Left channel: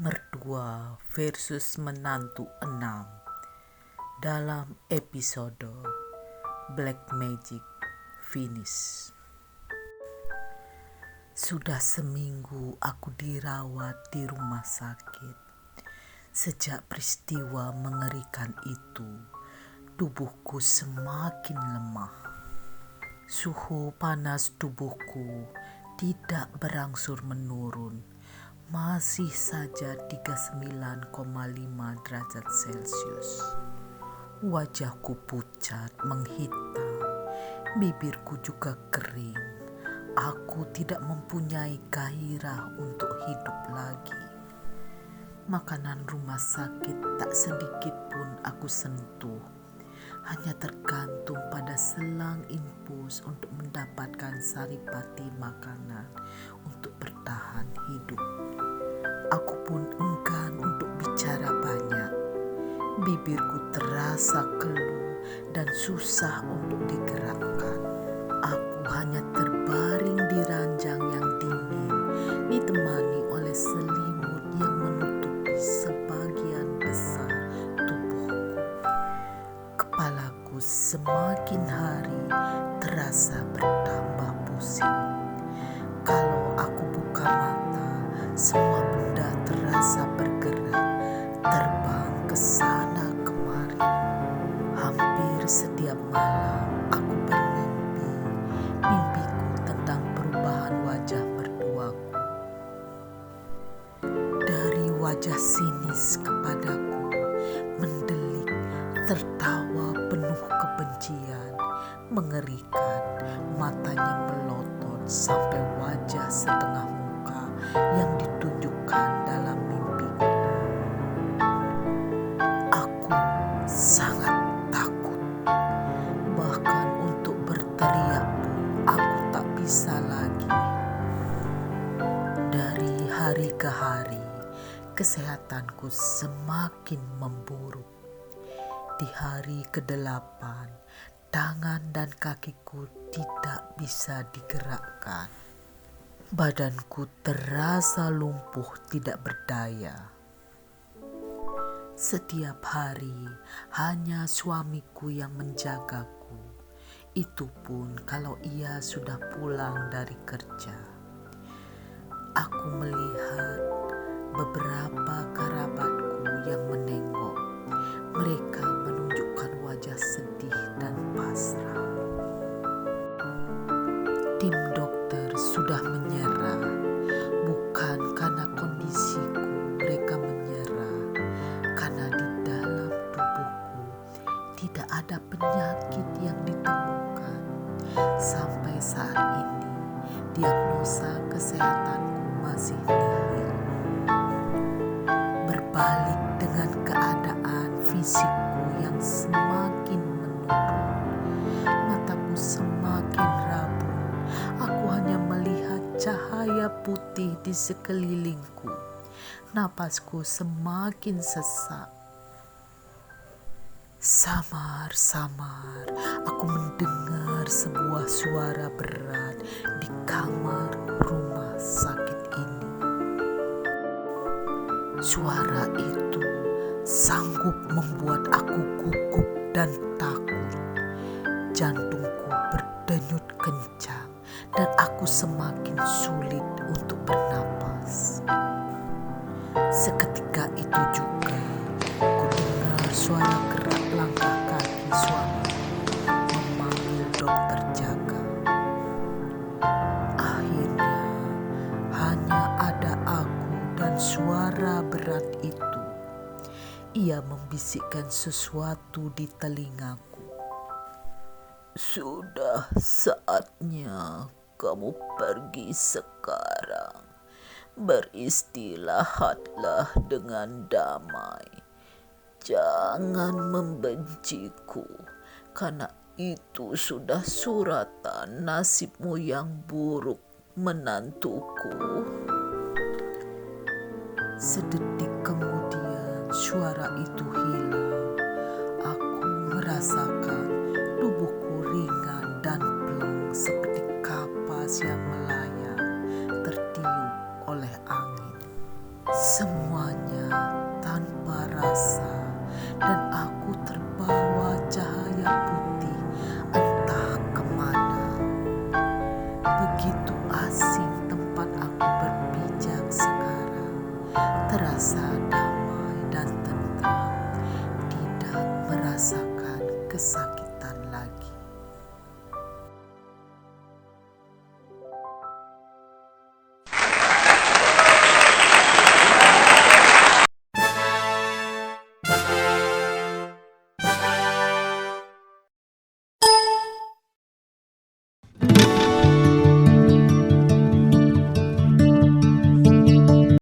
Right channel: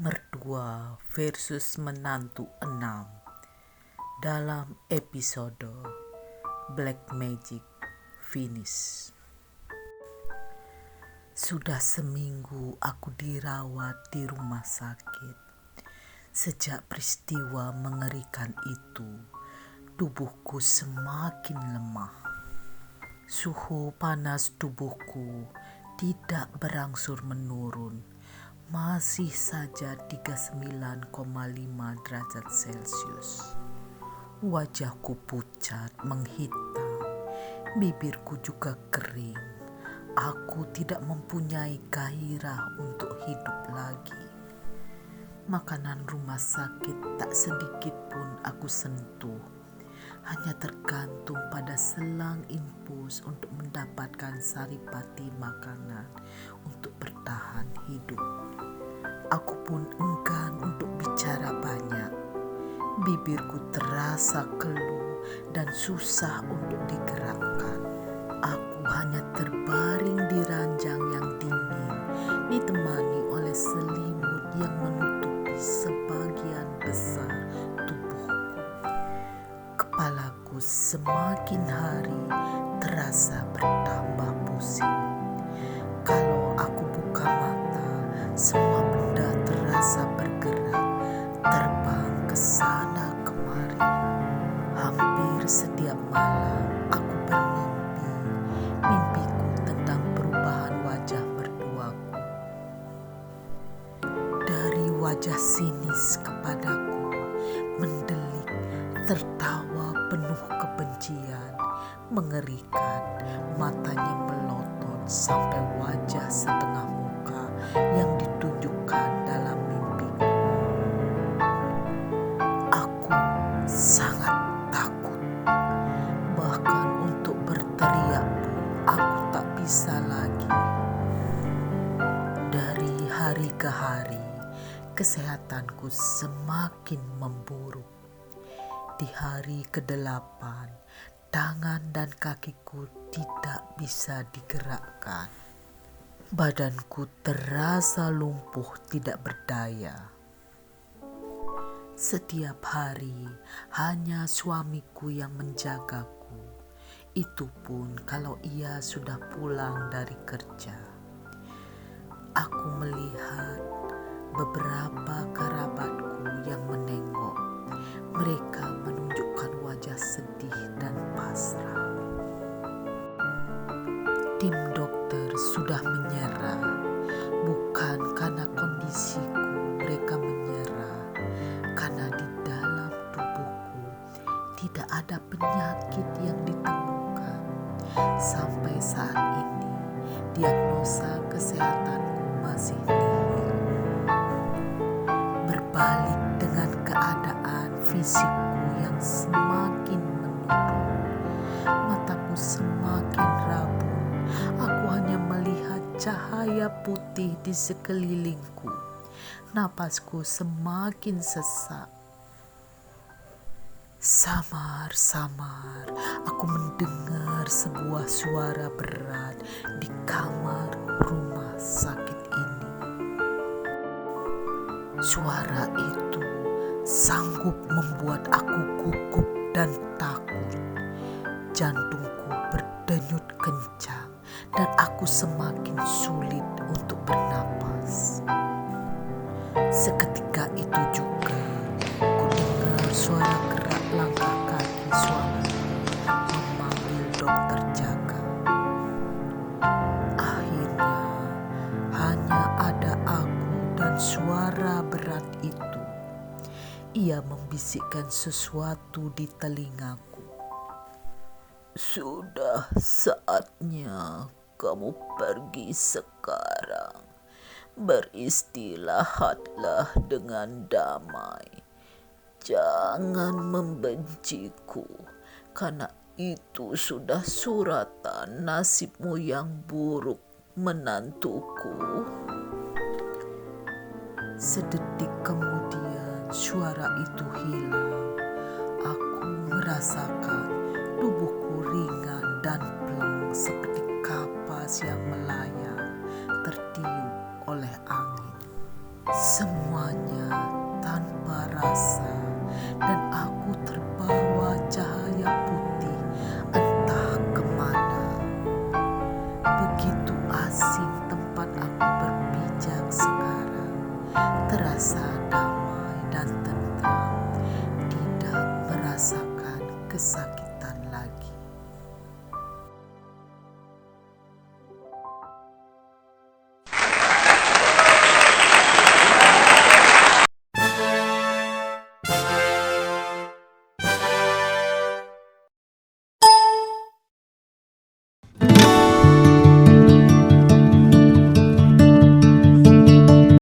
Mertua versus menantu 6 dalam episode Black Magic Finish. Sudah seminggu aku dirawat di rumah sakit. Sejak peristiwa mengerikan itu, tubuhku semakin lemah. Suhu panas tubuhku tidak berangsur menurun, masih saja 39,5 derajat Celcius. Wajahku pucat menghitam, bibirku juga kering. Aku tidak mempunyai gairah untuk hidup lagi. Makanan rumah sakit tak sedikit pun aku sentuh. Hanya tergantung pada selang infus untuk mendapatkan saripati makanan untuk bertahan hidup. Aku pun enggan untuk bicara banyak. Bibirku terasa keluh dan susah untuk digerakkan. Aku hanya terbaring di ranjang yang dingin, ditemani oleh selimut yang menutupi sebagian besar tubuhku. Kepalaku semakin hari terasa bertambah pusing. Kalau aku buka mata, semua benda terasa bergerak, terbang ke sana kemari. Hampir setiap malam aku bermimpi, mimpiku tentang perubahan wajah mertuaku. Dari wajah sinis kepadaku, mendelik, tertawa penuh kebencian, mengerikan, matanya melotot sampai wajah setengah muka yang ditunjukkan dalam mimpiku. Aku sangat takut, bahkan untuk berteriak pun aku tak bisa lagi. Dari hari ke hari, kesehatanku semakin memburuk. Di hari ke-8, tangan dan kakiku tidak bisa digerakkan. Badanku terasa lumpuh tidak berdaya. Setiap hari hanya suamiku yang menjagaku. Itu pun kalau ia sudah pulang dari kerja. Aku melihat beberapa kerabatku yang menengok. Mereka menunjukkan wajah sedih dan pasrah. Tim dokter sudah menyerah. Bukan karena kondisiku mereka menyerah, karena di dalam tubuhku tidak ada penyakit yang ditemukan. Sampai saat ini, diagnosa kesehatanku masih nihil. Berbalik dengan keadaan fisikku yang semakin menurun, mataku semakin rabun. Aku hanya melihat cahaya putih di sekelilingku. Napasku semakin sesak. Samar-samar aku mendengar sebuah suara berat di kamar rumah sakit ini. Suara itu sanggup membuat aku gugup dan takut. Jantungku berdenyut kencang dan aku semakin sulit untuk bernapas. Seketika itu juga ku dengar suara gerak langkah kaki suami memanggil dokter jaga. Akhirnya hanya ada aku dan suara berat itu. Ia membisikkan sesuatu di telingaku. Sudah saatnya kamu pergi sekarang. Beristirahatlah dengan damai. Jangan membenciku, karena itu sudah suratan nasibmu yang buruk, menantuku. Sedetik kemudian suara itu hilang. Aku merasakan tubuhku ringan dan plong seperti kapas yang melayang tertiup oleh angin. Semuanya tanpa rasa, dan aku terbawa cahaya putih entah kemana. Begitu asing tempat aku berpijak sekarang, terasa damai dan tentram, tidak merasakan kesakitan.